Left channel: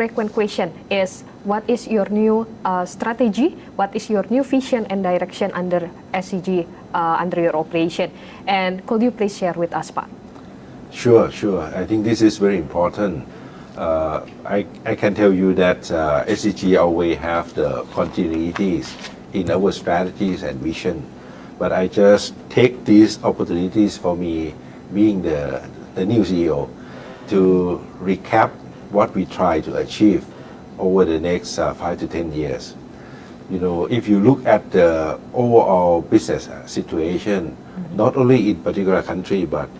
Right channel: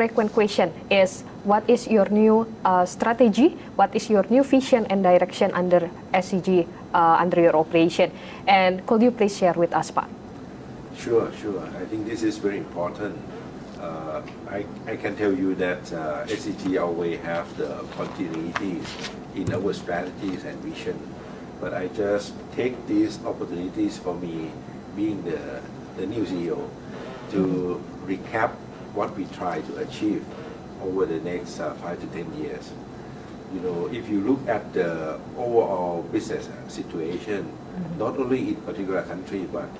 frequent question is, what is your new strategy? What is your new vision and direction under SCG, under your operation? And could you please share with us, Pak? Sure. I think this is very important. I can tell you that SCG always have the continuities in our strategies and vision. But I just take these opportunities for me, being the new CEO, to recap what we try to achieve over the next 5 to 10 years. If you look at the overall business situation, not only in particular country, but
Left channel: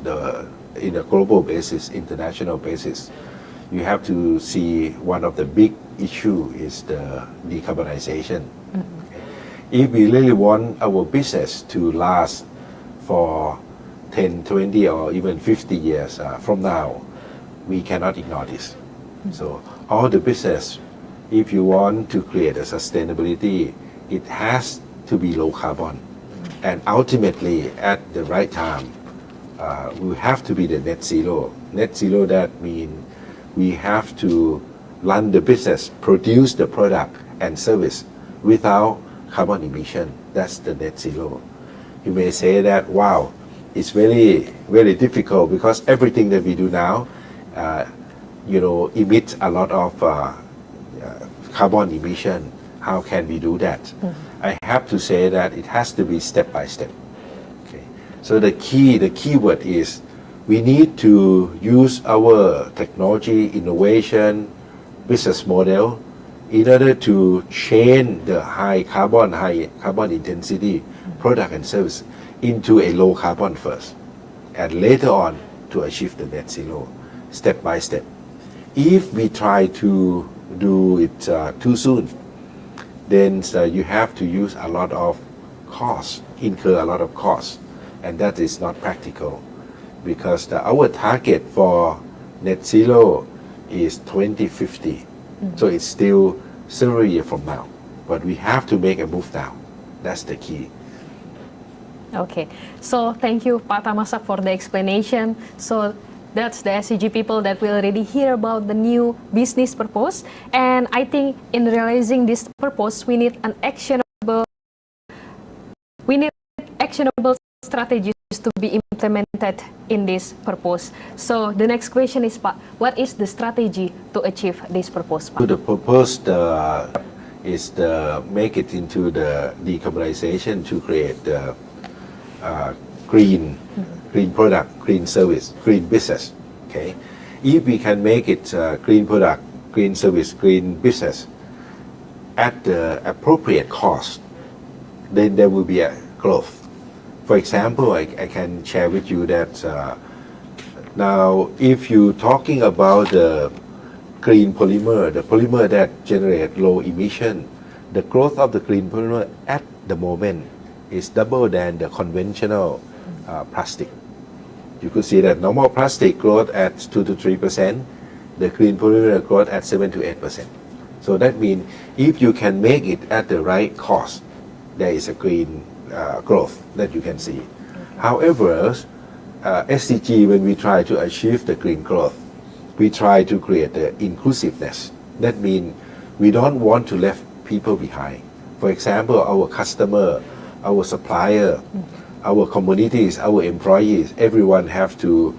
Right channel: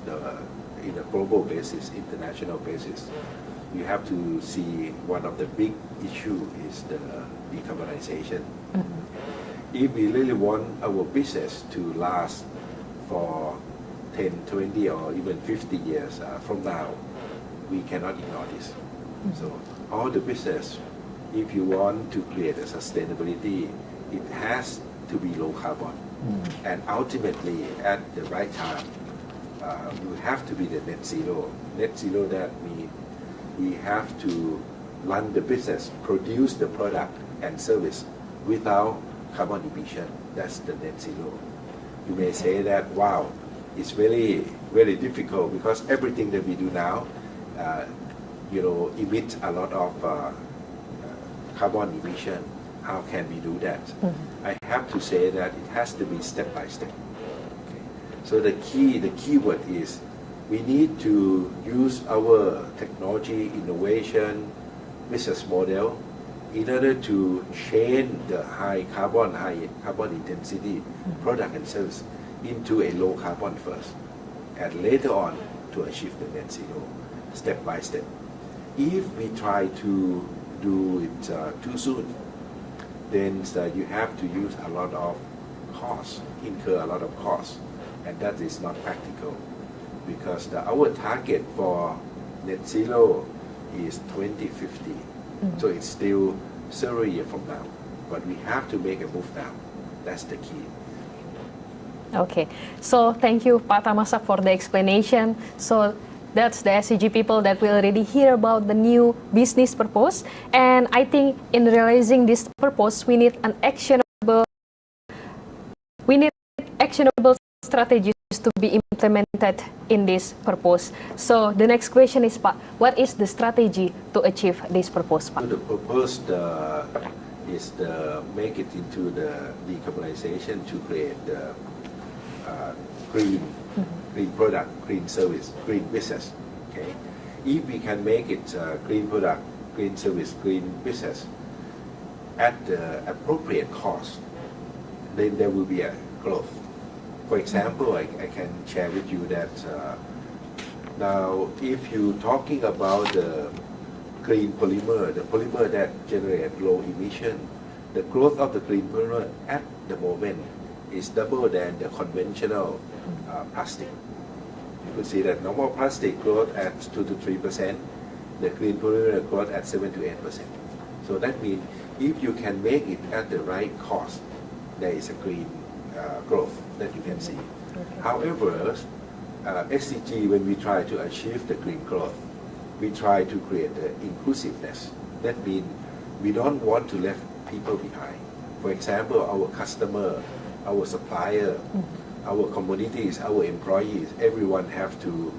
in a global basis, international basis, you have to see one of the big issue is the decarbonization. If we really want our business to last for 10, 20, or even 50 years from now, we cannot ignore this. So all the business, if you want to create a sustainability, it has to be low carbon. And ultimately, at the right time, we have to be the net zero. Net zero, that means we have to run the business, produce the product and service without carbon emission. That's the net zero. You may say that, wow, it's very, very difficult because everything that we do now, emits a lot of carbon emission. How can we do that? I have to say that it has to be step by step. Okay. So the key word is we need to use our technology, innovation, business model in order to change the high carbon intensity product and service into a low carbon first, and later on to achieve the net zero, step by step. If we try to do it too soon, then you have to use a lot of costs, incur a lot of costs, and that is not practical, because our target for net zero is 2050. So it's still several years from now, but we have to make a move now. That's the key. Okay, so thank you, Pak Thammasat, for the explanation. So that's the SCG people that will already hear about the new business purpose. And I think in realizing this purpose, we need actionable strategies to be implemented in this purpose. So the next question is, Pak, what is the strategy to achieve this purpose, Pak? The purpose is to make it into the decarbonization to create the green product, green service, green business. Okay, if we can make it green product, green service, green business at the appropriate cost, then there will be a growth. For example, I can share with you that now if you're talking about the green polymer, the polymer that generate low emission, the growth of the green polymer at the moment is double than the conventional plastic. You could see that normal plastic growth at 2 to 3%, the green polymer growth at 7 to 8%. So that means if you can make it at the right cost, there is a green growth that you can see. Okay. However, SCG, when we try to achieve the green growth, we try to create the inclusiveness. That means we don't want to leave people behind. For example, our customer, our supplier, our communities, our employees, everyone have to,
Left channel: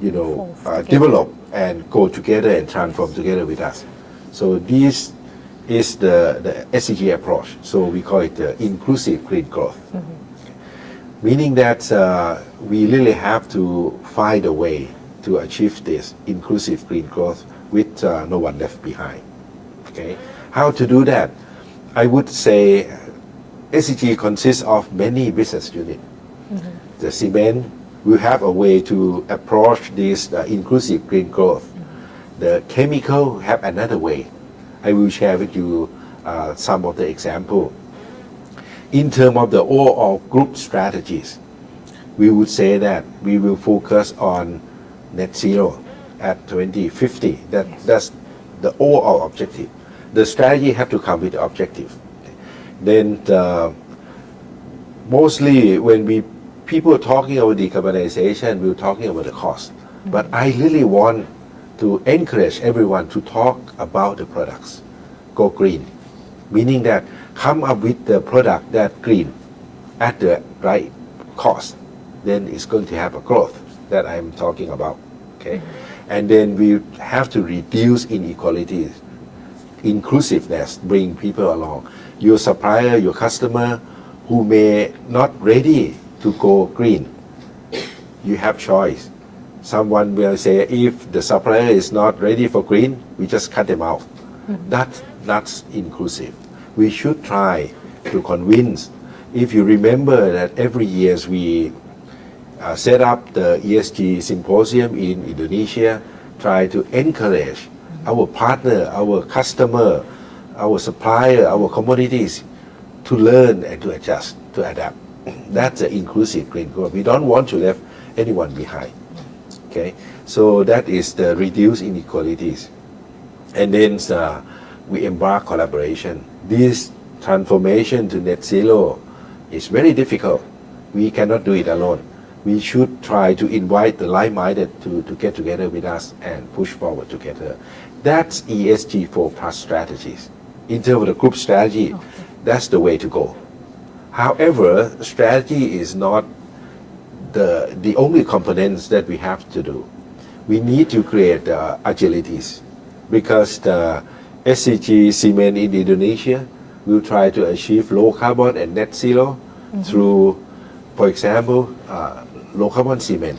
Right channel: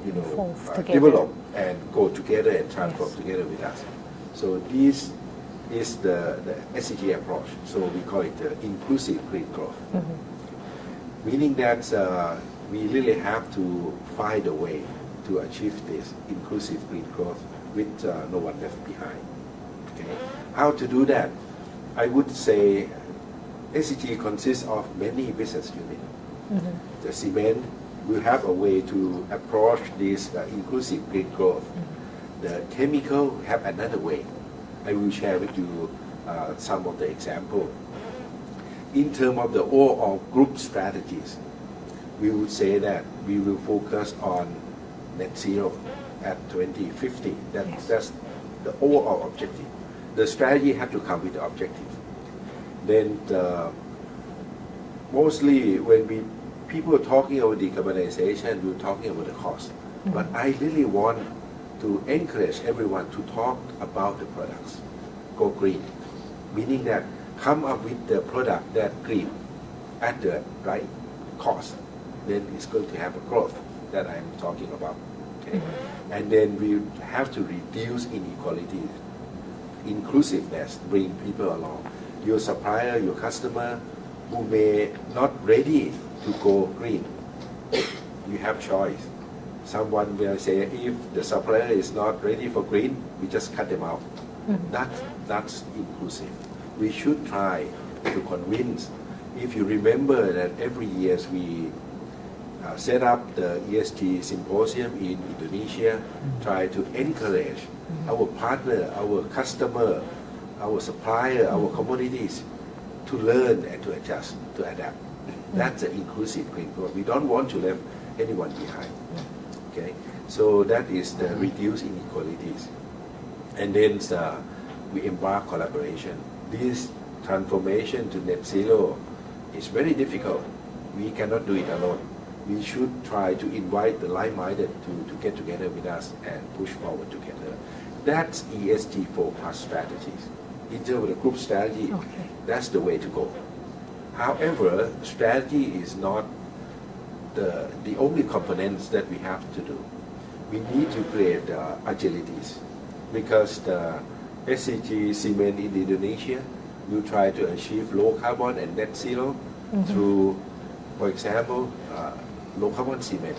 develop and go together and transform together with us. So this is the SCG approach. So we call it the inclusive green growth. Meaning that we really have to find a way to achieve this inclusive green growth with no one left behind. Okay, how to do that? I would say SCG consists of many business units. The cement will have a way to approach this inclusive green growth. The chemical have another way. I will share with you some of the example. In terms of the overall group strategies, we would say that we will focus on net zero at 2050. That's the overall objective. The strategy have to come with the objective. Then mostly when people are talking about decarbonization, we're talking about the cost. But I really want to encourage everyone to talk about the products. Go green, meaning that come up with the product that green at the right cost, then it's going to have a growth that I'm talking about. Okay, and then we have to reduce inequalities, inclusiveness, bring people along. Your supplier, your customer, who may not ready to go green, you have choice. Someone will say, if the supplier is not ready for green, we just cut them out. That's inclusive. We should try to convince. If you remember that every year we set up the ESG symposium in Indonesia, try to encourage our partner, our customer, our supplier, our commodities to learn and to adjust, to adapt. That's an inclusive green growth. We don't want to leave anyone behind. Okay, so that is the reduce inequalities. And then we embark collaboration. This transformation to net zero is very difficult. We cannot do it alone. We should try to invite the like-minded to get together with us and push forward together. That's ESG 4+ strategies. In terms of the group strategy, that's the way to go. However, strategy is not the only components that we have to do. We need to create agilities, because the SCG cement in Indonesia will try to achieve low carbon and net zero through, for example, low carbon cement.